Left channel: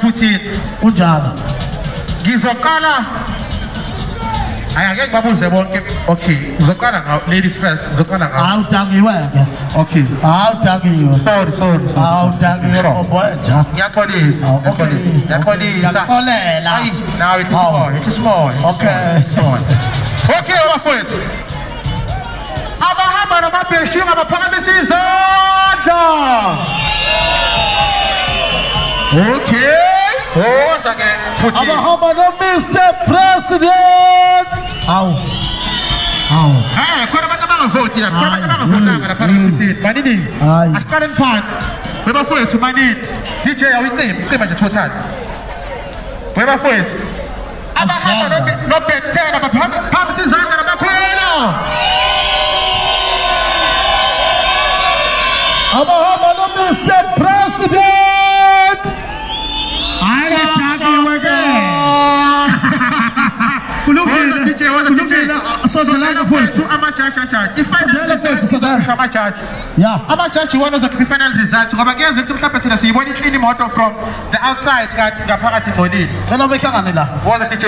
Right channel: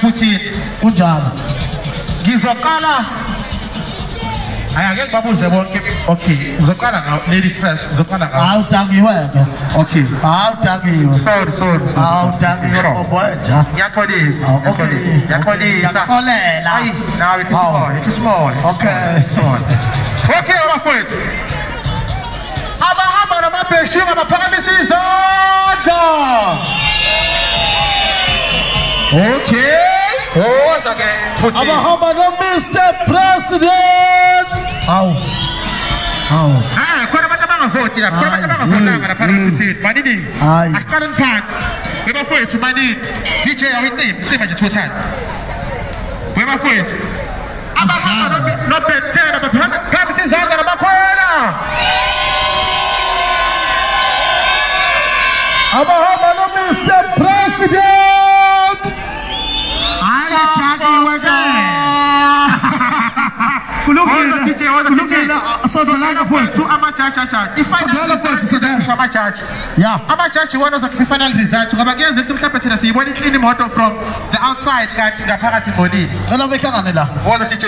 futhi unjalo ngizoqala ayake babuze bonke okay ngizoqala ngawo ladies first ngizoqala ngawo awudangiwe ke okay awudangiwe sorry awudangiwe mfowethu ngiyaxolisa okay ngiyaxolisa ngixolela ayi nawe it's small okay okay abafowethu abahamba namabheshingi abaphakamisa izandla okay hoza ke futhi abahamba no Mr President awu khona abantu abangavoti la khona abantu abangavotanga lapha futhi manini asiqale phansi bebafowethu manini DJ awuyiqimba nje thothana bebafowethu abahamba no Bethel abaphakamisa izandla nabakhona abahamba no Mr President ayithakiwe ke kulungile sodela mfowethu amajaji amajaji yeah amajaji wona final result ngoba kuyenza ukuthi mhlawumbe thina siyibona imoto from the outside kanti ngaphakathi ingcolile cela behlangane la woza DJ